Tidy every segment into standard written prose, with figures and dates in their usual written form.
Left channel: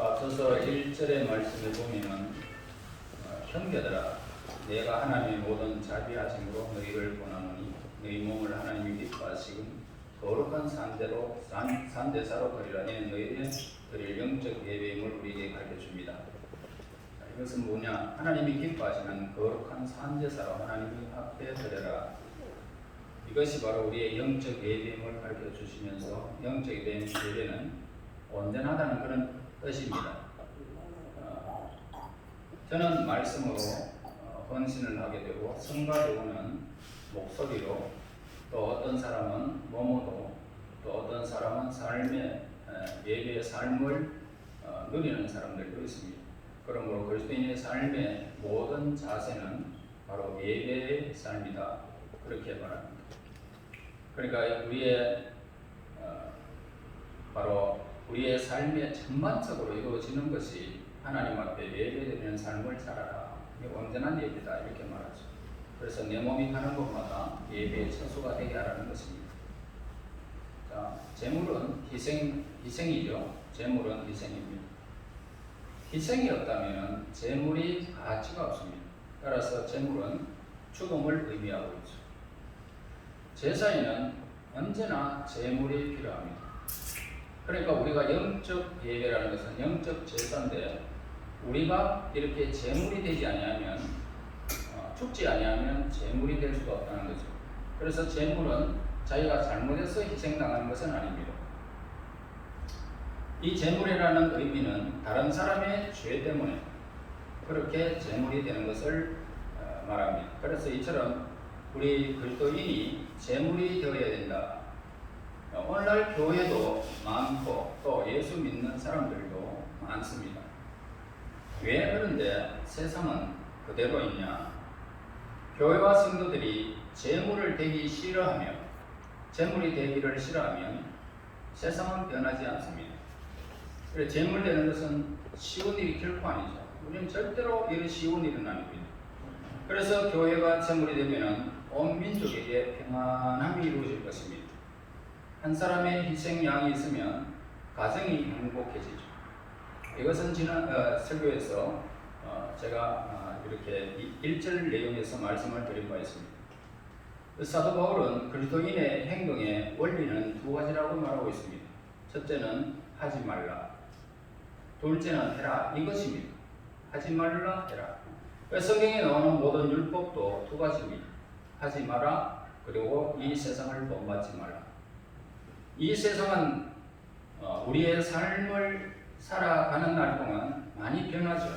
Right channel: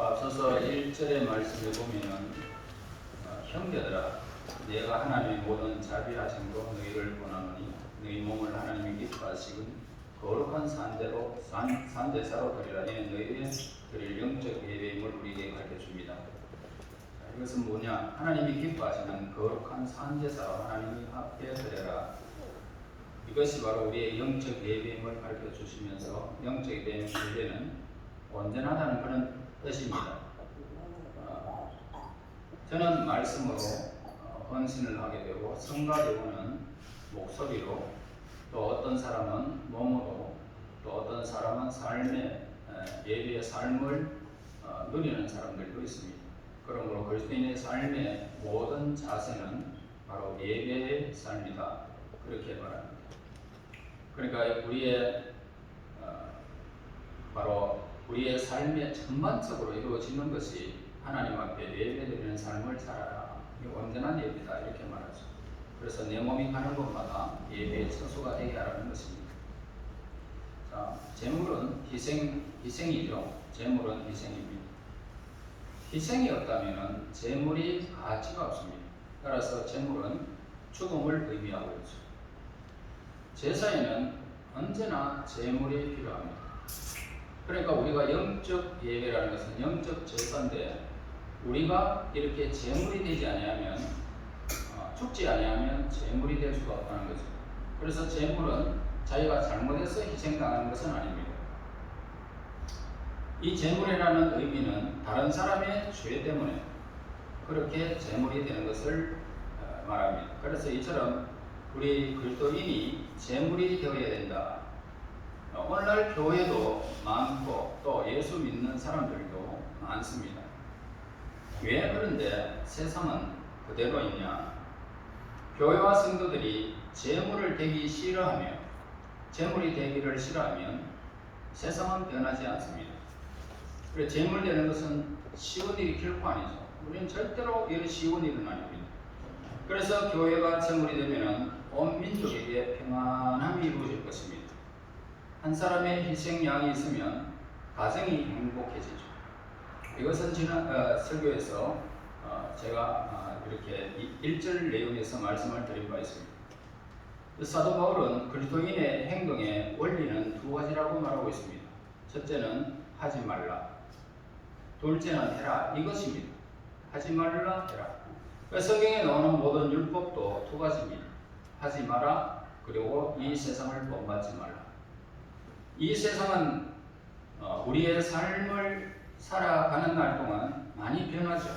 앞서서 1절의 말씀에 보면 형제들아 내가 하나님의 모든 자비하심으로 너희를 권하노니 너희 몸을 하나님이 기뻐하시는 거룩한 산제사로 드리라니 너희에게 드릴 영적 예배임을 우리에게 가르쳐줍니다. 이것은 뭐냐? 하나님이 기뻐하시는 거룩한 산제사로 하나님 앞에 드려라. 이것이 바로 우리의 영적 예배임을 가르쳐 주시면서 영적 예배는 온전하다는 그런 뜻입니다. 저는 말씀으로 헌신을 하게 되고 성가대우는 목소리로 또 어떤 사람은 몸으로 또 어떤 사람은 삶의 예배의 삶을 누리는 사람들도 있습니다. 그러므로 그리스도인의 삶의 모든 자세는 바로 예배의 삶이다. 그렇게 말합니다. 그러니까 우리의 삶의 전반적으로 이루어지는 것이 하나님 앞에 예배드리는 삶을 살아라. 온전한 예배다 이렇게 말하죠. 그래서 내 몸이 가는 곳마다 예배의 처소가 되게 하라는 것입니다. 자, 제물은 희생이죠. 제물은 희생입니다. 희생이 없다면 제물이 가치가 없습니다. 따라서 제물은 죽음을 의미하고 있죠. 제사에는 언제나 제물이 필요합니다. 그러니까 우리가 영적 예배라는 것은 영적 제사인데 우리가 이렇게 제물이 되지 아니하면 죽지 아니하면 제물이 될 수가 없다는 거죠. 그래서 제물은 자기가 잘못해서 희생당하는 것은 아닙니다. 이 제물이라는 의미는 다른 사람의 죄 때문에 그렇게 제물이 되는 것을 말합니다. 그래서 이처럼 우리 그리스도인이 제물이 되어야 된다. 오늘날 교회도 많고 또 예수 믿는 사람들도 많습니다. 왜 그런데 세상은 그대로 있냐? 교회와 성도들이 제물이 되기를 싫어하면 세상은 변하지 않습니다. 그래서 제물 되는 것은 쉬운 일이 결코 아니죠. 우리는 절대로 이런 쉬운 일은 아닙니다. 그래서 교회가 제물이 되면 온 민족에게 평안함이 이루어질 것입니다. 한 사람의 희생양이 있으면 가정이 행복해지죠. 이것은 지난 설교에서 제가 이렇게 1절 내용에서 말씀을 드린 바 있습니다. 사도 바울은 그리스도인의 행동의 원리는 두 가지라고 말하고 있습니다. 첫째는 하지 말라. 둘째는 해라. 이것입니다. 하지 말라 해라. 성경에 나오는 모든 율법도 두 가지입니다. 하지 마라. 그리고 이 세상을 본받지 말라. 이 세상은 우리의 삶을 살아가는 날 동안 많이 변하죠.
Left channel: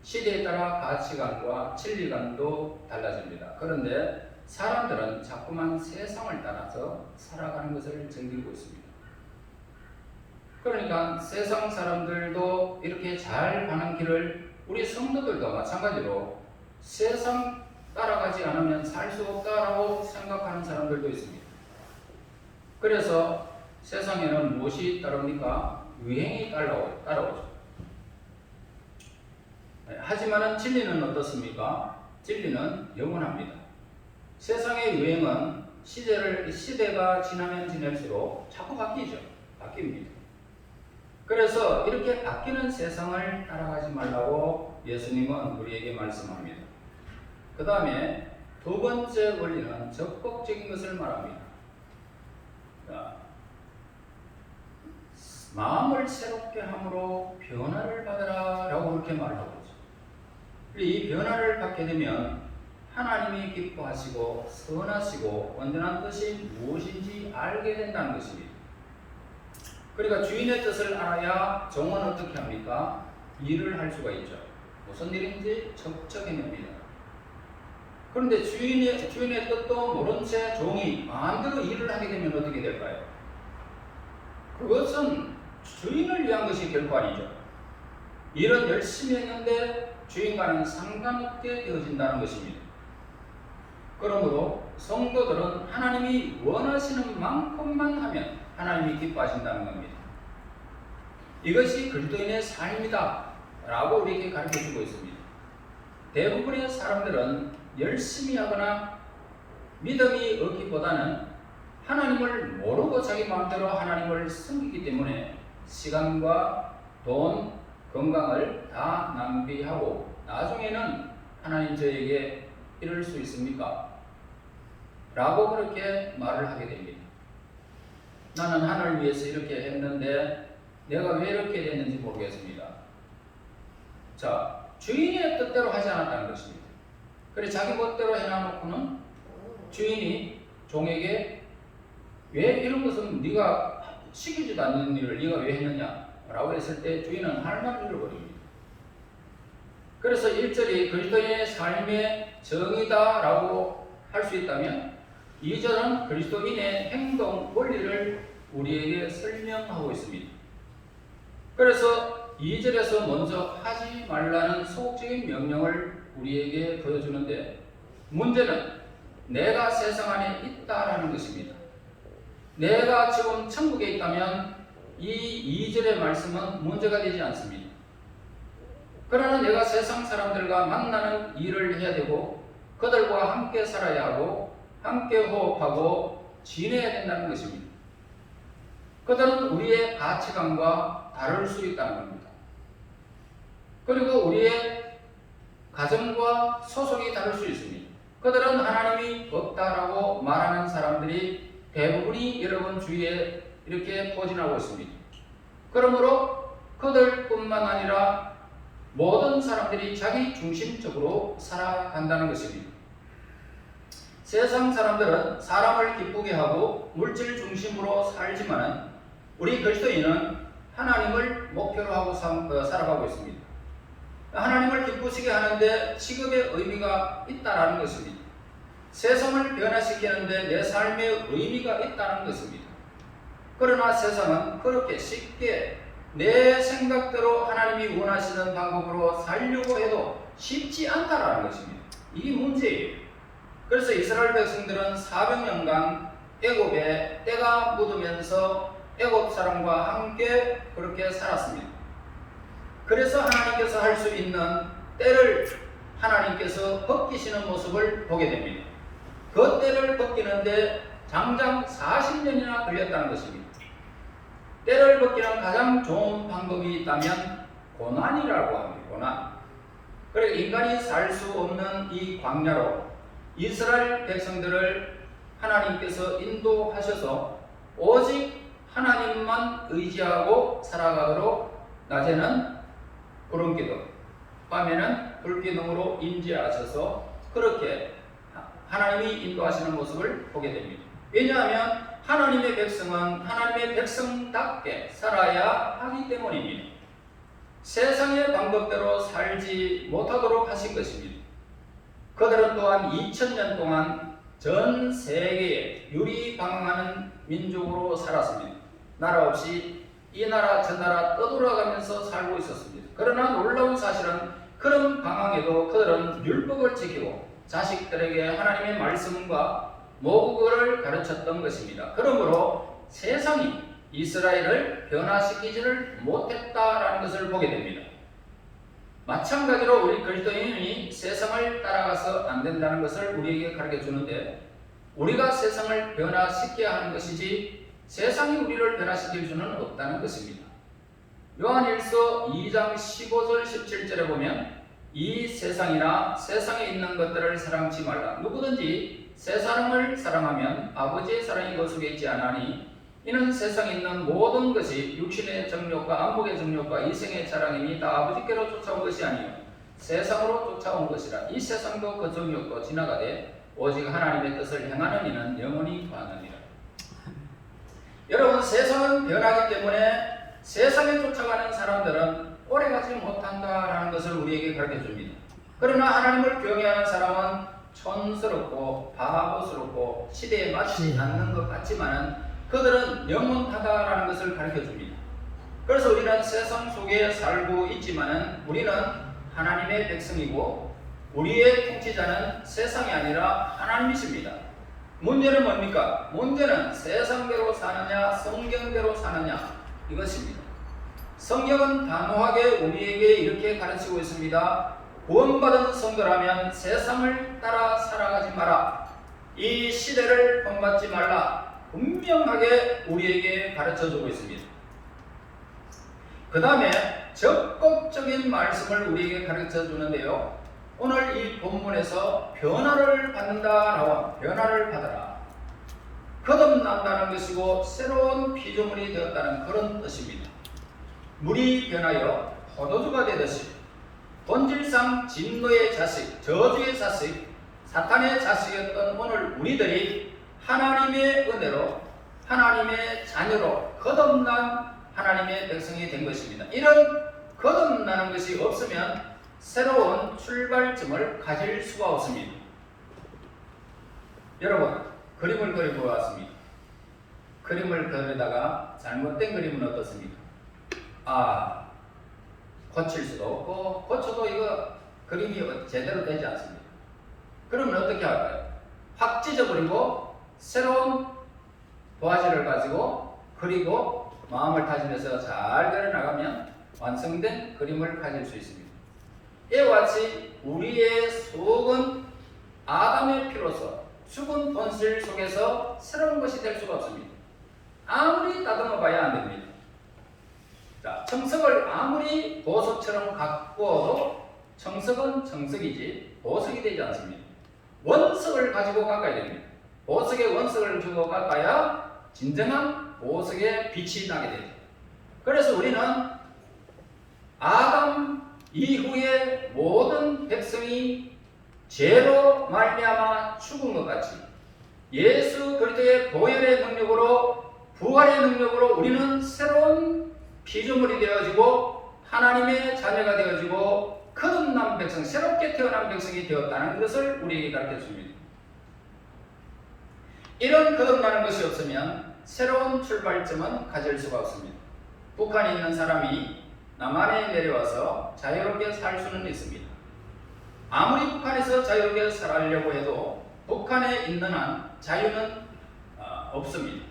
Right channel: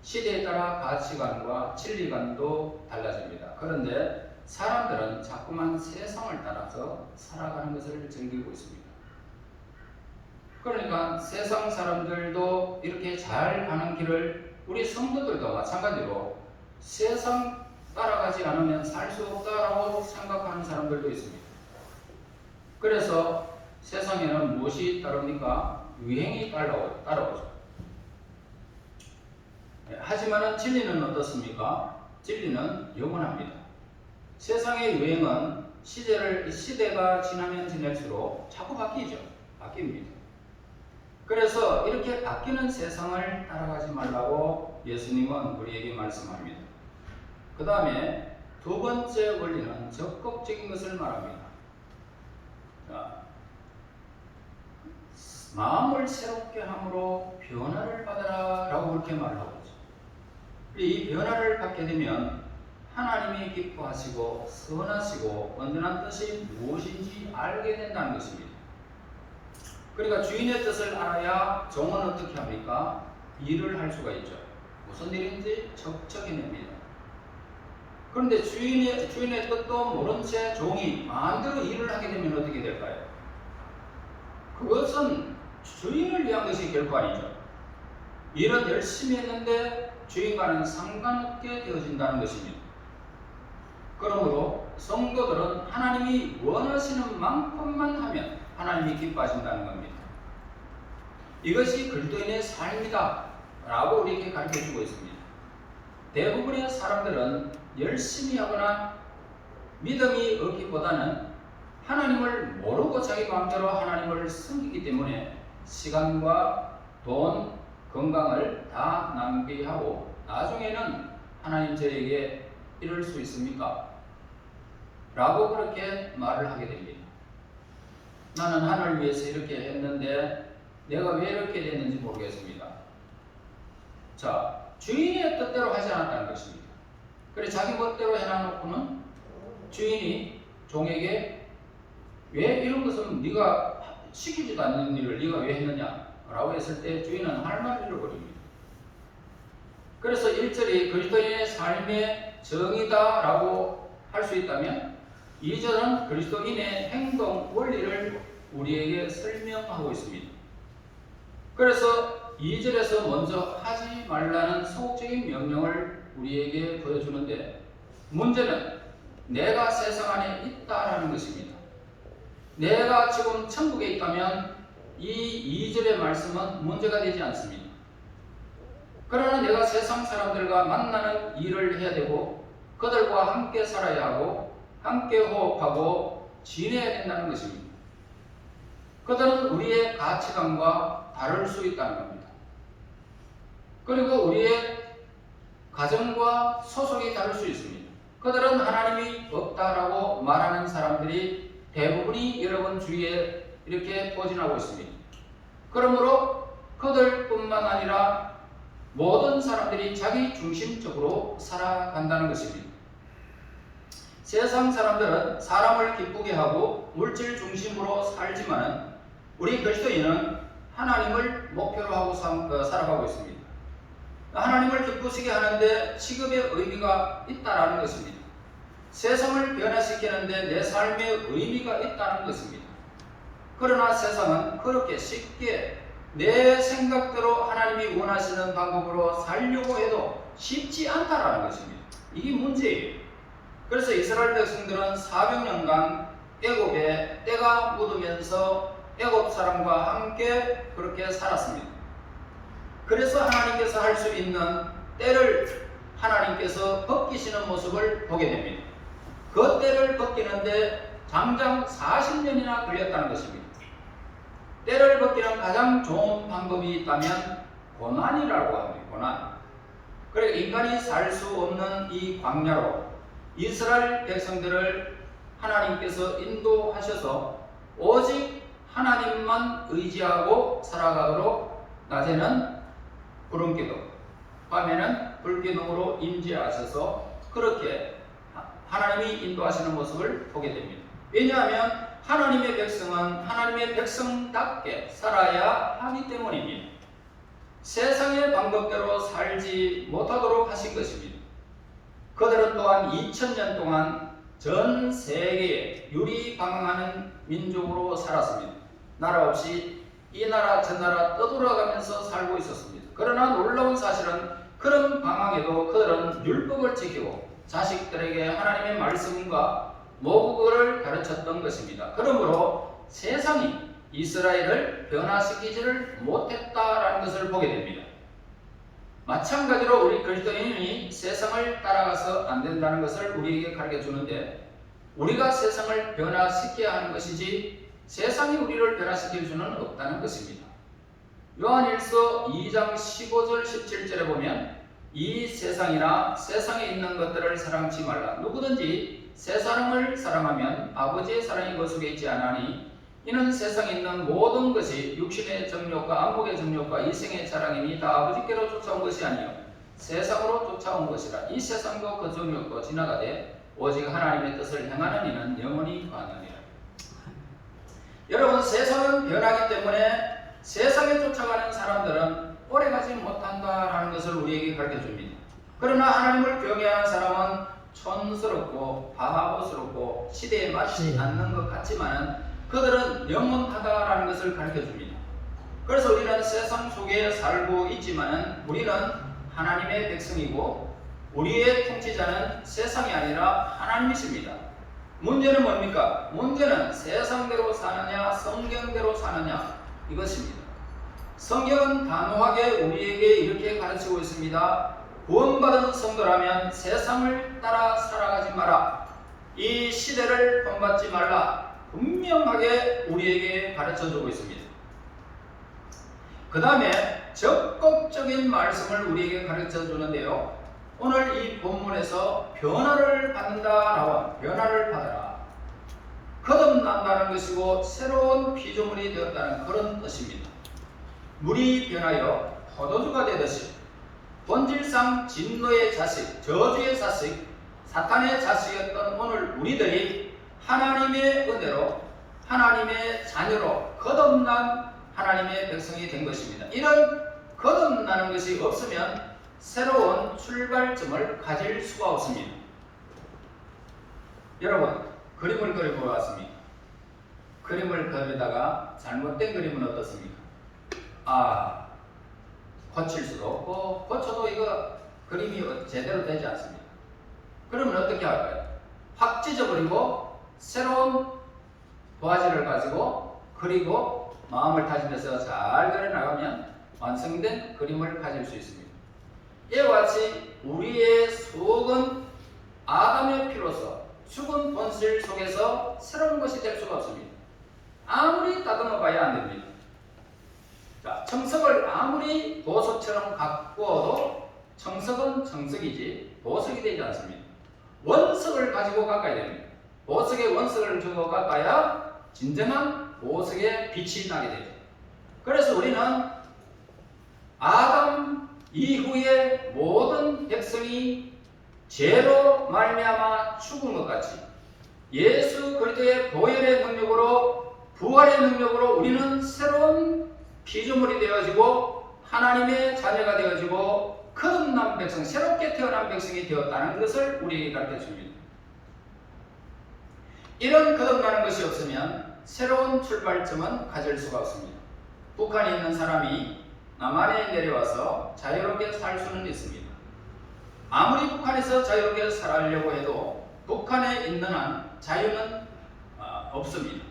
시대에 따라 가치관과 진리관도 달라집니다. 그런데 사람들은 자꾸만 세상을 따라서 살아가는 것을 즐기고 있습니다. 그러니까 세상 사람들도 이렇게 잘 가는 길을 우리 성도들도 마찬가지로 세상 따라가지 않으면 살 수 없다라고 생각하는 사람들도 있습니다. 그래서 세상에는 무엇이 따릅니까? 유행이 따라오죠. 하지만 진리는 어떻습니까? 진리는 영원합니다. 세상의 유행은 시대가 지나면 지날수록 자꾸 바뀝니다. 그래서 이렇게 바뀌는 세상을 따라가지 말라고 예수님은 우리에게 말씀합니다. 그 다음에 두 번째 원리는 적극적인 것을 말합니다. 자, 마음을 새롭게 함으로 변화를 받아라 라고 그렇게 말하고 있죠. 이 변화를 받게 되면 하나님이 기뻐하시고 선하시고 온전한 뜻이 무엇인지 알게 된다는 것입니다. 그러니까 주인의 뜻을 알아야 종은 어떻게 합니까? 일을 할 수가 있죠. 무슨 일인지 척척해냅니다. 그런데 주인의 뜻도 모른 채 종이 마음대로 일을 하게 되면 어떻게 될까요? 그것은 주인을 위한 것이 결코 아니죠. 일은 열심히 했는데 주인과는 상관없게 되어진다는 것입니다. 그러므로 성도들은 하나님이 원하시는 만큼만 하면 하나님이 기뻐하신다는 겁니다. 이것이 그리스도인의 삶이다 라고 우리에게 가르쳐주고 있습니다. 대부분의 사람들은 열심히 하거나 믿음이 없기보다는 하나님을 모르고 자기 마음대로 하나님을 섬기기 때문에 시간과 돈, 건강을 다 낭비하고 나중에는 하나님 저에게 이럴 수 있습니까? 라고 그렇게 말을 하게 됩니다. 나는 하나님을 위해서 이렇게 했는데 내가 왜 이렇게 됐는지 모르겠습니다. 자, 주인의 뜻대로 하지 않았다는 것입니다. 그래 자기 멋대로 해놔놓고는 주인이 종에게 왜 이런 것은 네가 시키지도 않는 일을 네가 왜 했느냐 라고 했을 때 주인은 할 말을 잃어버립니다. 그래서 1절이 그리스도인의 삶의 정의다 라고 할 수 있다면 2절은 그리스도인의 행동 원리를 우리에게 설명하고 있습니다. 그래서 2절에서 먼저 하지 말라는 소극적인 명령을 우리에게 보여주는데 문제는 내가 세상 안에 있다라는 것입니다. 내가 지금 천국에 있다면 이 2절의 말씀은 문제가 되지 않습니다. 그러나 내가 세상 사람들과 만나는 일을 해야 되고 그들과 함께 살아야 하고 함께 호흡하고 지내야 된다는 것입니다. 그들은 우리의 가치관과 다를 수 있다는 겁니다. 그리고 우리의 가정과 소속이 다를 수 있습니다. 그들은 하나님이 없다라고 말하는 사람들이 대부분이 여러분 주위에 이렇게 포진하고 있습니다. 그러므로 그들뿐만 아니라 모든 사람들이 자기 중심적으로 살아간다는 것입니다. 세상 사람들은 사람을 기쁘게 하고 물질 중심으로 살지만 우리 그리스도인은 하나님을 목표로 하고 살아가고 있습니다. 하나님을 기쁘시게 하는데 취급의 의미가 있다는 것입니다. 세상을 변화시키는데 내 삶의 의미가 있다는 것입니다. 그러나 세상은 그렇게 쉽게 내 생각대로 하나님이 원하시는 방법으로 살려고 해도 쉽지 않다는 것입니다. 이게 문제예요. 그래서 이스라엘 백성들은 400년간 애굽에 때가 묻으면서 애굽 사람과 함께 그렇게 살았습니다. 그래서 하나님께서 할 수 있는 때를 하나님께서 벗기시는 모습을 보게 됩니다. 그 때를 벗기는데 장장 40년이나 걸렸다는 것입니다. 때를 벗기는 가장 좋은 방법이 있다면 고난이라고 합니다. 고난. 그리고 인간이 살 수 없는 이 광야로 이스라엘 백성들을 하나님께서 인도하셔서 오직 하나님만 의지하고 살아가도록 낮에는 구름기둥, 밤에는 불기둥으로 임재하셔서 그렇게 하나님이 인도하시는 모습을 보게 됩니다. 왜냐하면 하나님의 백성은 하나님의 백성답게 살아야 하기 때문입니다. 세상의 방법대로 살지 못하도록 하신 것입니다. 그들은 또한 2000년 동안 전 세계에 유리방황하는 민족으로 살았습니다. 나라 없이 이 나라 저 나라 떠돌아가면서 살고 있었습니다. 그러나 놀라운 사실은 그런 방황에도 그들은 율법을 지키고 자식들에게 하나님의 말씀과 모국어를 가르쳤던 것입니다. 그러므로 세상이 이스라엘을 변화시키지를 못했다라는 것을 보게 됩니다. 마찬가지로 우리 그리스도인이 세상을 따라가서 안 된다는 것을 우리에게 가르쳐 주는데 우리가 세상을 변화시켜야 하는 것이지 세상이 우리를 변화시킬 수는 없다는 것입니다. 요한일서 2장 15절 17절에 보면 이 세상이나 세상에 있는 것들을 사랑치 말라. 누구든지 세상을 사랑하면 아버지의 사랑이 그 속에 있지 않으니 이는 세상에 있는 모든 것이 육신의 정욕과 안목의 정욕과 이생의 자랑이니 다 아버지께로 쫓아온 것이 아니요 세상으로 쫓아온 것이라. 이 세상도 그 정욕도 지나가되 오직 하나님의 뜻을 행하는 이는 영원히 거하느니라. 여러분, 세상은 변하기 때문에 세상에 쫓아가는 사람들은 오래가지 못한다라는 것을 우리에게 가르쳐 줍니다. 그러나 하나님을 경외하는 사람은 촌스럽고 바보스럽고 시대에 맞지 않는 것 같지만 그들은 영원하다라는 것을 가르쳐 줍니다. 그래서 우리는 세상 속에 살고 있지만 우리는 하나님의 백성이고 우리의 통치자는 세상이 아니라 하나님이십니다. 문제는 뭡니까? 문제는 세상대로 사느냐 성경대로 사느냐 이것입니다. 성경은 단호하게 우리에게 이렇게 가르치고 있습니다. 구원받은 성도라면 세상을 따라 살아가지 마라. 이 시대를 본받지 말라. 분명하게 우리에게 가르쳐주고 있습니다. 그 다음에 적극적인 말씀을 우리에게 가르쳐 주는데요. 오늘 이 본문에서 변화를 받는다 나와 변화를 받아라. 거듭난다는 것이고 새로운 피조물이 되었다는 그런 뜻입니다. 물이 변하여 포도주가 되듯이 본질상 진노의 자식, 저주의 자식, 사탄의 자식이었던 오늘 우리들이 하나님의 은혜로 하나님의 자녀로 거듭난 하나님의 백성이 된 것입니다. 이런 거듭나는 것이 없으면 새로운 출발점을 가질 수가 없습니다. 여러분, 그림을 그리고 왔습니다. 그림을 그리다가 잘못된 그림은 어떻습니까? 고칠 수도 없고 고쳐도 이거 그림이 제대로 되지 않습니다. 그러면 어떻게 할까요? 확 찢어버리고 새로운 도화지를 가지고 그리고 마음을 다짐해서 잘 그려나가면 완성된 그림을 가질 수 있습니다. 이와 같이 우리의 속은 아담의 피로서 죽은 본질 속에서 새로운 것이 될 수가 없습니다. 아무리 다듬어 봐야 안 됩니다. 자, 청석을 아무리 보석처럼 가꾸어도 청석은 청석이지 보석이 되지 않습니다. 원석을 가지고 깎아야 됩니다. 보석에 원석을 주고 깎아야 진정한 보석의 빛이 나게 됩니다. 그래서 우리는 아담 이후의 모든 백성이 죄로 말미암아 죽은 것 같이 예수 그리스도의 보혈의 능력으로 부활의 능력으로 우리는 새로운 피조물이 되어지고 하나님의 자녀가 되어지고 거듭난 백성, 새롭게 태어난 백성이 되었다는 것을 우리에게 가르쳐 줍니다. 이런 거듭나는 것이 없으면 새로운 출발점은 가질 수가 없습니다. 북한에 있는 사람이 남한에 내려와서 자유롭게 살 수는 있습니다. 아무리 북한에서 자유롭게 살려고 해도 북한에 있는 한 자유는 없습니다.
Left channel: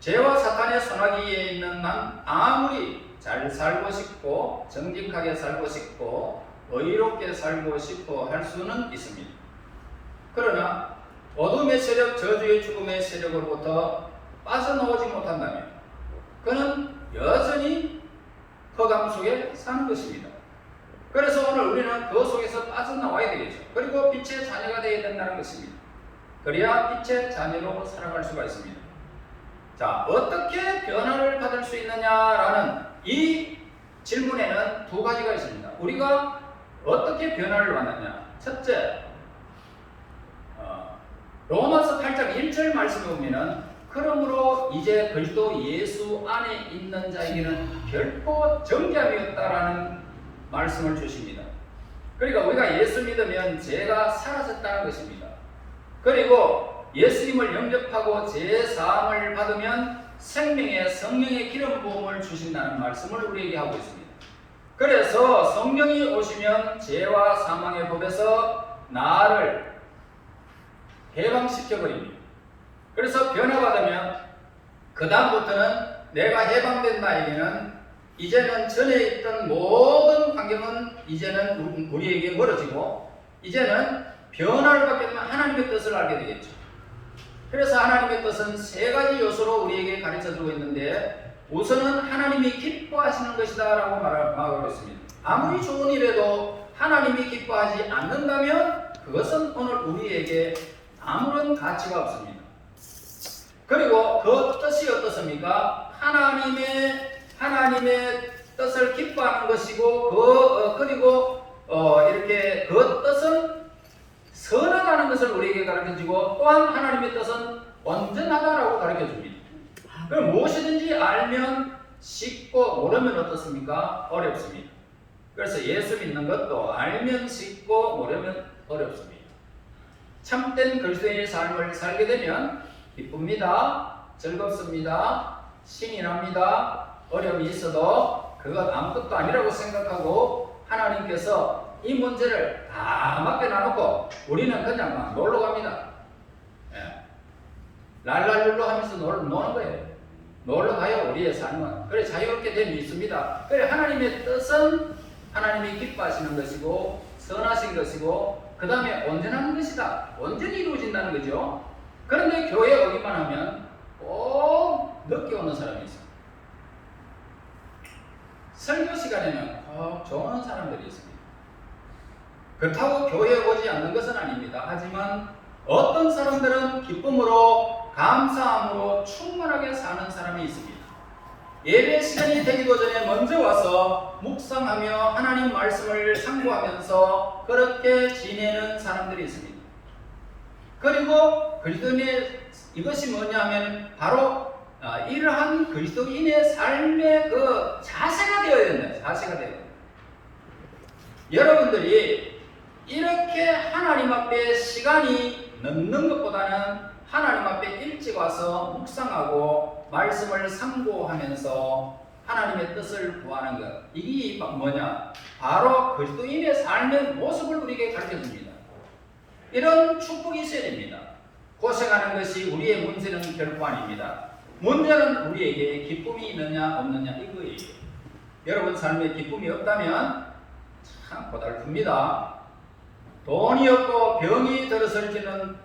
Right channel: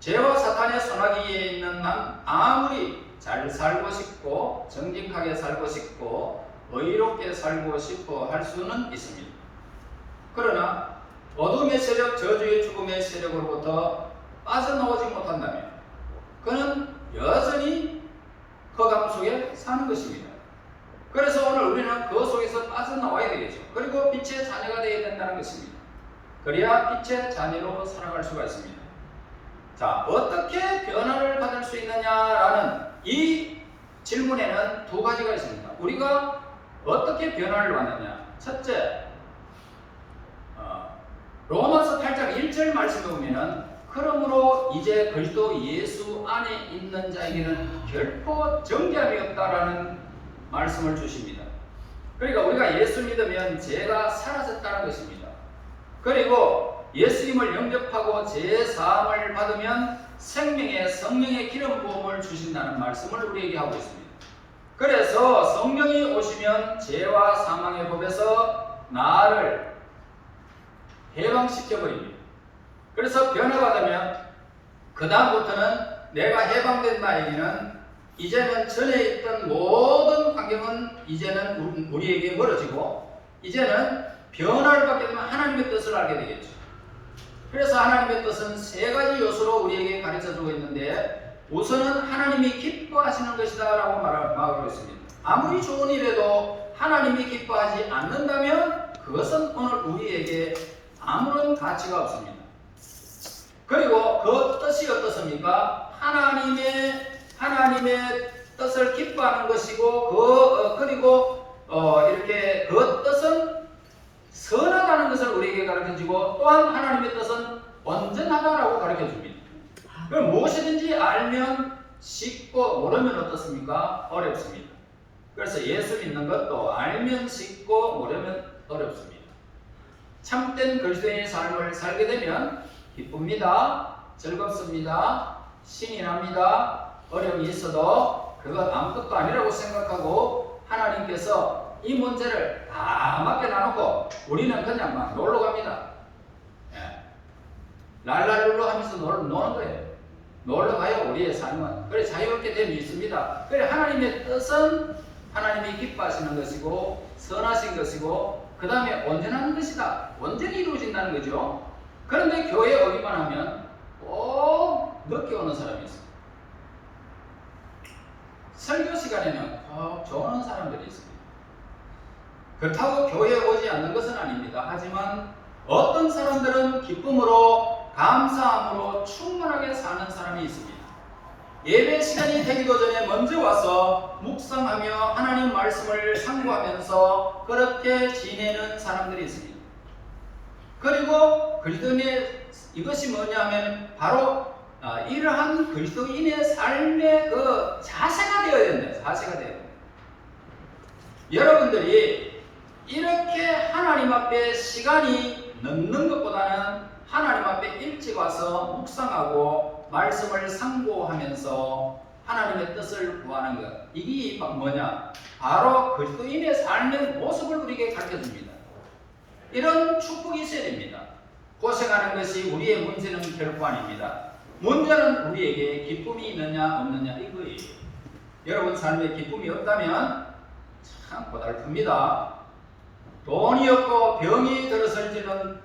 죄와 사탄의 소나기에 있는 한 아무리 잘 살고 싶고 정직하게 살고 싶고 의롭게 살고 싶어 할 수는 있습니다. 그러나 어둠의 세력, 저주의 죽음의 세력으로부터 빠져나오지 못한다면 그는 여전히 허감 속에 사는 것입니다. 그래서 오늘 우리는 그 속에서 빠져나와야 되겠죠. 그리고 빛의 자녀가 되어야 된다는 것입니다. 그래야 빛의 자녀로 살아갈 수가 있습니다. 자, 어떻게 변화를 받을 수 있느냐라는 이 질문에는 두 가지가 있습니다. 우리가 어떻게 변화를 받느냐? 첫째, 로마서 8장 1절 말씀에 보면은 그러므로 이제 그리스도 예수 안에 있는 자에게는 결코 정죄함이 없다라는 말씀을 주십니다. 그러니까 우리가 예수 믿으면 죄가 사라졌다는 것입니다. 그리고 예수님을 영접하고 죄 사함을 받으면 생명의 성령의 기름 부음을 주신다는 말씀을 우리에게 하고 있습니다. 그래서 성령이 오시면 죄와 사망의 법에서 나를 해방시켜 버립니다. 그래서 변화받으면 그 다음부터는 내가 해방된 나에게는 이제는 전에 있던 모든 환경은 이제는 우리에게 멀어지고 이제는 변화를 받게 되면 하나님의 뜻을 알게 되겠죠. 그래서 하나님의 뜻은 세 가지 요소로 우리에게 가르쳐주고 있는데 우선은 하나님이 기뻐하시는 것이다 라고 말하고 있습니다. 아무리 좋은 일에도 하나님이 기뻐하지 않는다면 그것은 오늘 우리에게 아무런 가치가 없습니다. 그리고 그 뜻이 어떻습니까? 하나님의 뜻을 기뻐하는 것이고 그리고 이렇게 그 뜻은 선하다는 것을 우리에게 가르쳐주고 또한 하나님의 뜻은 온전하다라고 가르쳐줍니다. 그럼 무엇이든지 알면 쉽고 모르면 어떻습니까? 어렵습니다. 그래서 예수 믿는 것도 알면 쉽고 모르면 어렵습니다. 참된 그리스도인의 삶을 살게 되면 기쁩니다. 즐겁습니다. 신이 납니다. 어려움이 있어도 그것 아무것도 아니라고 생각하고 하나님께서 이 문제를 다 맡겨놔놓고 우리는 그냥 막 놀러 갑니다. 랄랄룰루 하면서 노는 거예요. 놀러 가요. 우리의 삶은. 그래 자유롭게 됨이 있습니다. 그래 하나님의 뜻은 하나님이 기뻐하시는 것이고 선하신 것이고 그 다음에 온전한 것이다. 온전히 이루어진다는 거죠. 그런데 교회에 오기만 하면 꼭 늦게 오는 사람이 있어요. 설교 시간에는 꼭 좋은 사람들이 있습니다. 그렇다고 교회에 오지 않는 것은 아닙니다. 하지만 어떤 사람들은 기쁨으로 감사함으로 충만하게 사는 사람이 있습니다. 예배 시간이 되기도 전에 먼저 와서 묵상하며 하나님 말씀을 상고하면서 그렇게 지내는 사람들이 있습니다. 그리고 그리스도인의 이것이 뭐냐 하면 바로 이러한 그리스도인의 삶의 그 자세가 되어야 된다. 자세가 되어야 된다. 여러분들이 이렇게 하나님 앞에 시간이 넘는 것보다는 하나님 앞에 일찍 와서 묵상하고 말씀을 상고하면서 하나님의 뜻을 구하는 것, 이게 뭐냐? 바로 그리스도인의 삶의 모습을 우리에게 가르쳐줍니다. 이런 축복이 있어야 됩니다. 고생하는 것이 우리의 문제는 결코 아닙니다. 문제는 우리에게 기쁨이 있느냐 없느냐 이거예요. 여러분 삶에 기쁨이 없다면 참 고달픕니다. 돈이 없고 병이 들어설지는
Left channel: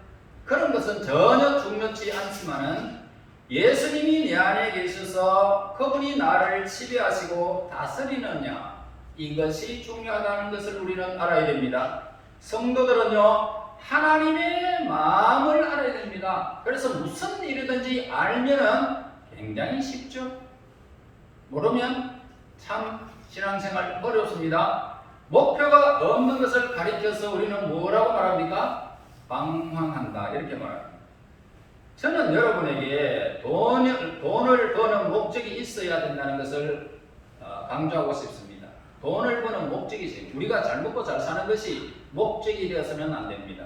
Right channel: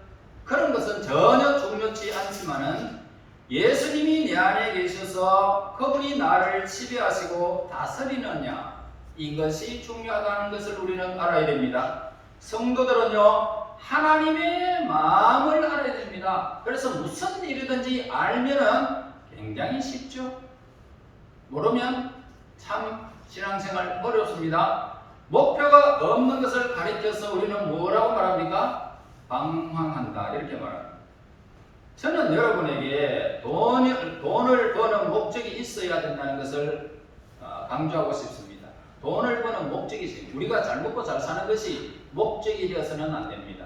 그런 것은 전혀 중요치 않지만은 예수님이 내 안에 계셔서 그분이 나를 지배하시고 다스리느냐, 이것이 중요하다는 것을 우리는 알아야 됩니다. 성도들은요 하나님의 마음을 알아야 됩니다. 그래서 무슨 일이든지 알면은 굉장히 쉽죠. 모르면 참 신앙생활 어렵습니다. 목표가 없는 것을 가리켜서 우리는 뭐라고 말합니까? 방황한다 이렇게 말합니다. 저는 여러분에게 돈을 버는 목적이 있어야 된다는 것을 강조하고 싶습니다. 돈을 버는 목적이 있어요. 우리가 잘 먹고 잘 사는 것이 목적이 되어서는 안 됩니다.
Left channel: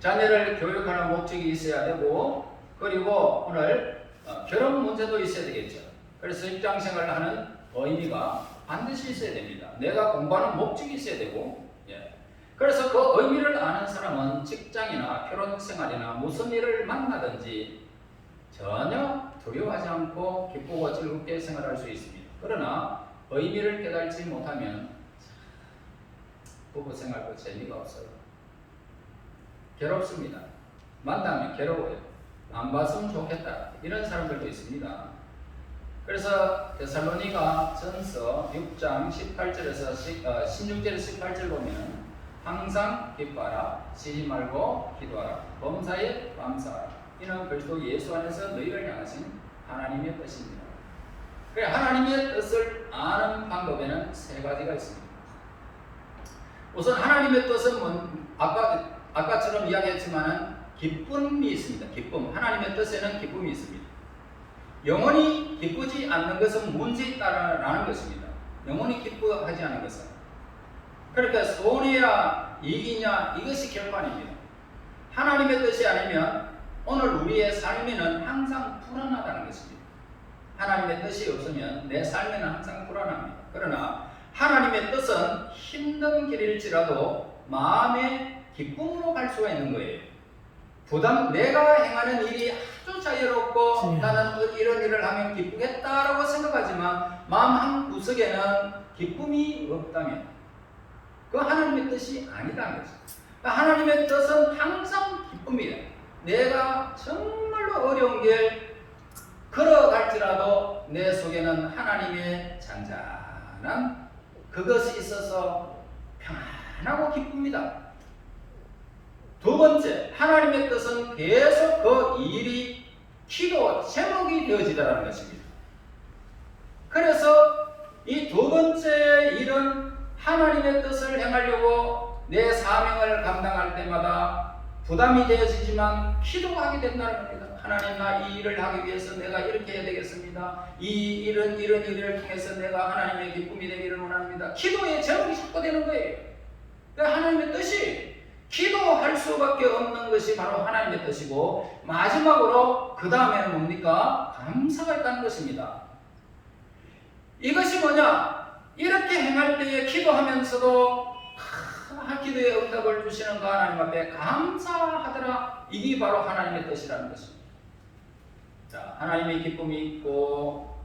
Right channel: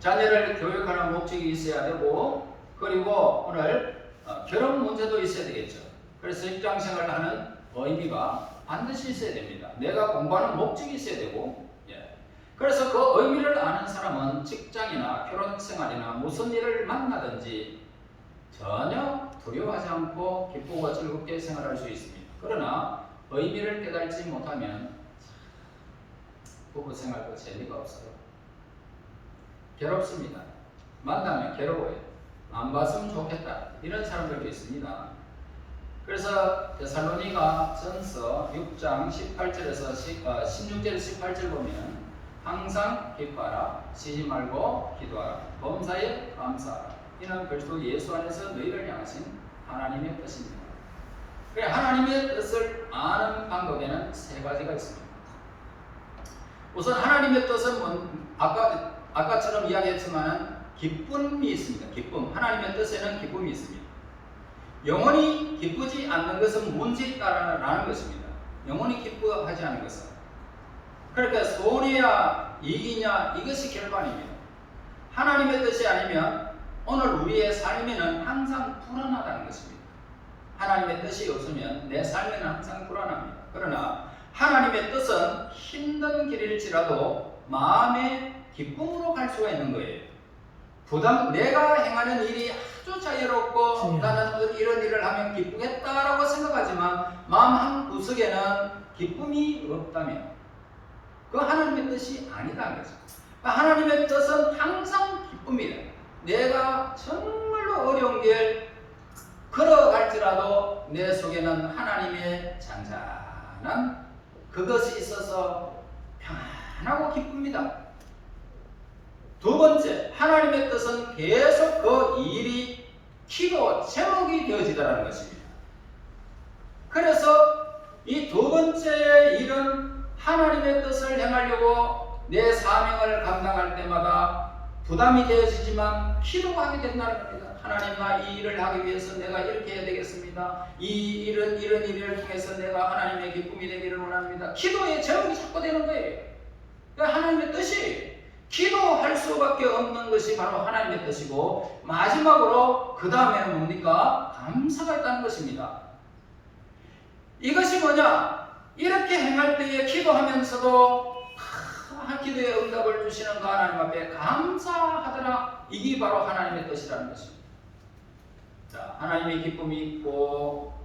자녀를 교육하는 목적이 있어야 되고, 그리고 오늘 결혼 문제도 있어야 되겠죠. 그래서 직장생활을 하는 의미가 반드시 있어야 됩니다. 내가 공부하는 목적이 있어야 되고, 그래서 그 의미를 아는 사람은 직장이나 결혼생활이나 무슨 일을 만나든지 전혀 두려워하지 않고 기쁘고 즐겁게 생활할 수 있습니다. 그러나 의미를 깨달지 못하면 부부생활도 재미가 없어요. 괴롭습니다. 만나면 괴로워요. 안 봤으면 좋겠다. 이런 사람들도 있습니다. 그래서 데살로니가 전서 6장 18절에서 16절 18절 보면 항상 기뻐하라, 쉬지 말고 기도하라, 범사에 감사하라. 이는 그리스도 예수 안에서 너희를 향하신 하나님의 뜻입니다. 그래, 하나님의 뜻을 아는 방법에는 세 가지가 있습니다. 우선 하나님의 뜻은 아까처럼 이야기했지만은 기쁨이 있습니다. 기쁨. 하나님의 뜻에는 기쁨이 있습니다. 영원히 기쁘지 않는 것은 문제 있다라는 것입니다. 영원히 기뻐하지 않는 것은. 그러니까 손해야 이익이냐 이것이 결코 아닙니다. 하나님의 뜻이 아니면 오늘 우리의 삶에는 항상 불안하다는 것입니다. 하나님의 뜻이 없으면 내 삶에는 항상 불안합니다. 그러나 하나님의 뜻은 힘든 길일지라도 마음의 기쁨으로 갈 수가 있는 거예요. 내가 행하는 일이 아주 자유롭고 나는 이런 일을 하면 기쁘겠다라고 생각하지만 마음 한 구석에는 기쁨이 없다면 그 하나님의 뜻이 아니다는 거죠. 하나님의 뜻은 항상 기쁨이에요. 내가 정말로 어려운 길 걸어갈지라도 내 속에는 하나님의 잔잔한 그것이 있어서 평안하고 기쁩니다. 두 번째, 하나님의 뜻은 계속 그 일이 기도 제목이 되어지더라는 것입니다. 그래서 이 두 번째 일은 하나님의 뜻을 행하려고 내 사명을 감당할 때마다 부담이 되어지지만 기도하게 된다는 겁니다. 하나님아, 이 일을 하기 위해서 내가 이렇게 해야 되겠습니다. 이런 일을 통해서 내가 하나님의 기쁨이 되기를 원합니다. 기도의 제목이 자꾸 되는 거예요. 그러니까 하나님의 뜻이 기도할 수밖에 없는 것이 바로 하나님의 뜻이고, 마지막으로 그 다음에는 뭡니까? 감사가 있다는 것입니다. 이것이 뭐냐? 이렇게 행할 때에 기도하면서도 기도의 응답을 주시는 그 하나님 앞에 감사하더라. 이게 바로 하나님의 뜻이라는 것입니다. 자, 하나님의 기쁨이 있고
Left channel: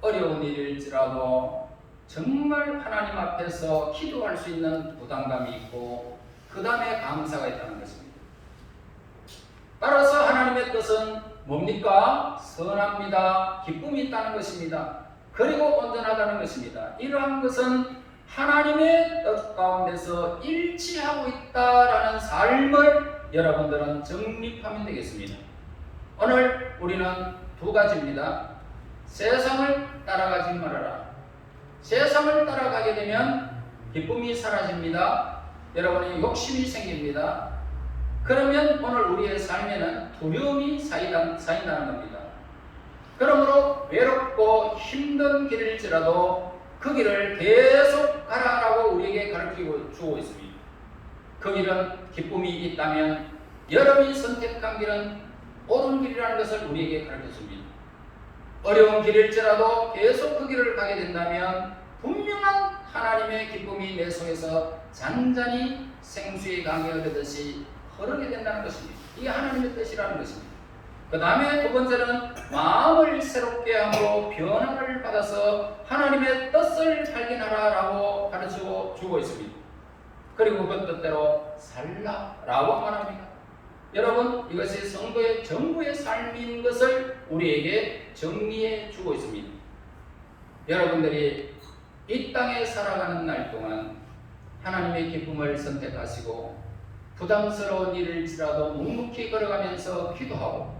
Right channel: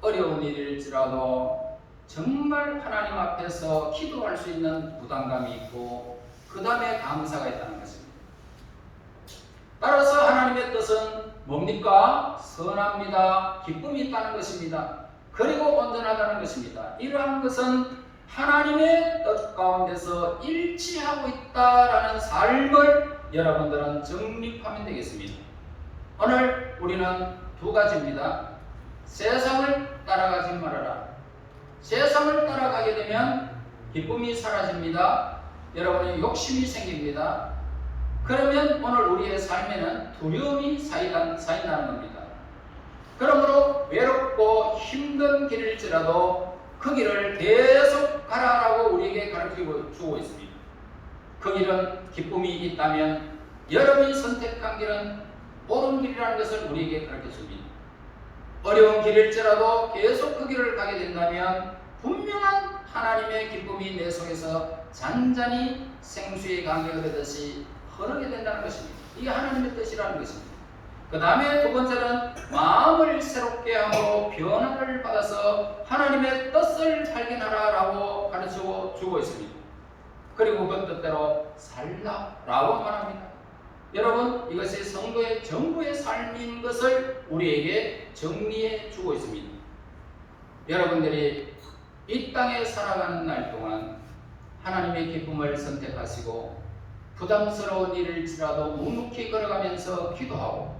어려운 일일지라도 정말 하나님 앞에서 기도할 수 있는 부담감이 있고 그 다음에 감사가 있다는 것입니다. 따라서 하나님의 뜻은 뭡니까? 선합니다. 기쁨이 있다는 것입니다. 그리고 온전하다는 것입니다. 이러한 것은 하나님의 뜻 가운데서 일치하고 있다라는 삶을 여러분들은 정립하면 되겠습니다. 오늘 우리는 두 가지입니다. 세상을 따라가지 말아라. 세상을 따라가게 되면 기쁨이 사라집니다. 여러분의 욕심이 생깁니다. 그러면 오늘 우리의 삶에는 두려움이 쌓인다는 겁니다. 그러므로 외롭고 힘든 길일지라도 그 길을 계속 가라라고 우리에게 가르치고 주고 있습니다. 그 길은 기쁨이 있다면 여러분이 선택한 길은 옳은 길이라는 것을 우리에게 가르쳐 줍니다. 어려운 길일지라도 계속 그 길을 가게 된다면 분명한 하나님의 기쁨이 내 속에서 잔잔히 생수의 강이 흐르듯이 흐르게 된다는 것입니다. 이게 하나님의 뜻이라는 것입니다. 그 다음에 두 번째는 마음을 새롭게 함으로 변화를 받아서 하나님의 뜻을 발견하라라고 가르치고 주고 있습니다. 그리고 그 뜻대로 살라라고 말합니다. 여러분, 이것이 성도의 전부의 삶인 것을 우리에게 정리해 주고 있습니다. 여러분들이 이 땅에 살아가는 날 동안 하나님의 기쁨을 선택하시고 부담스러운 일일지라도 묵묵히 걸어가면서 기도하고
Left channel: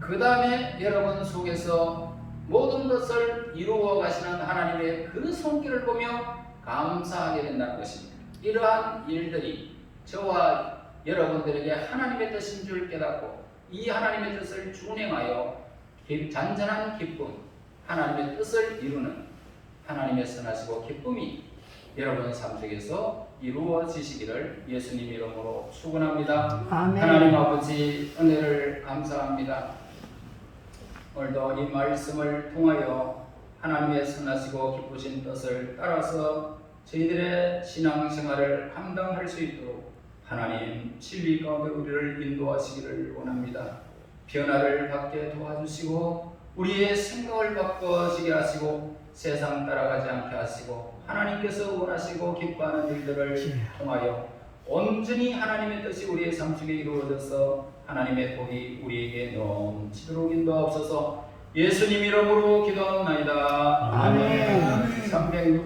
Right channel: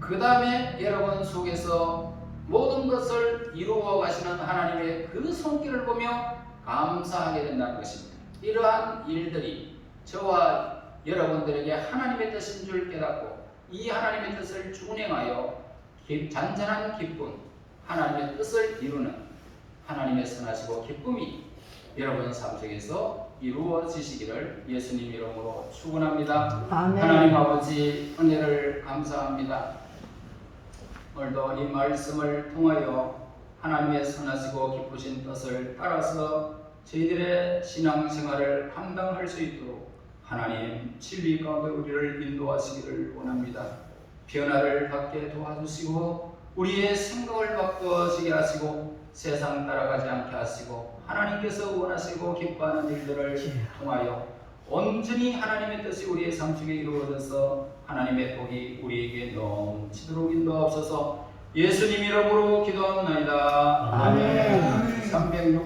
그 다음에 여러분 속에서 모든 것을 이루어 가시는 하나님의 그 손길을 보며 감사하게 된다는 것입니다. 이러한 일들이 저와 여러분들에게 하나님의 뜻인 줄 깨닫고 이 하나님의 뜻을 준행하여 잔잔한 기쁨, 하나님의 뜻을 이루는 하나님의 선하시고 기쁨이 여러분 삶 속에서 이루어지시기를 예수님 이름으로 축원합니다. 아멘. 하나님 아버지 은혜를 감사합니다. 오늘도 이 말씀을 통하여 하나님의 선하시고 기쁘신 뜻을 따라서 저희들의 신앙생활을 감당할 수 있도록 하나님 진리 가운데 우리를 인도하시기를 원합니다. 변화를 받게 도와주시고 우리의 생각을 바꿔지게 하시고 세상 따라가지 않게 하시고 하나님께서 원하시고 기뻐하는 일들을 통하여 온전히 하나님의 뜻이 우리의 삶 속에 이루어져서 하나님의 복이 우리에게 넘치도록 인도하옵소서. 예수님 이름으로 기도하옵나이다. 아멘. 360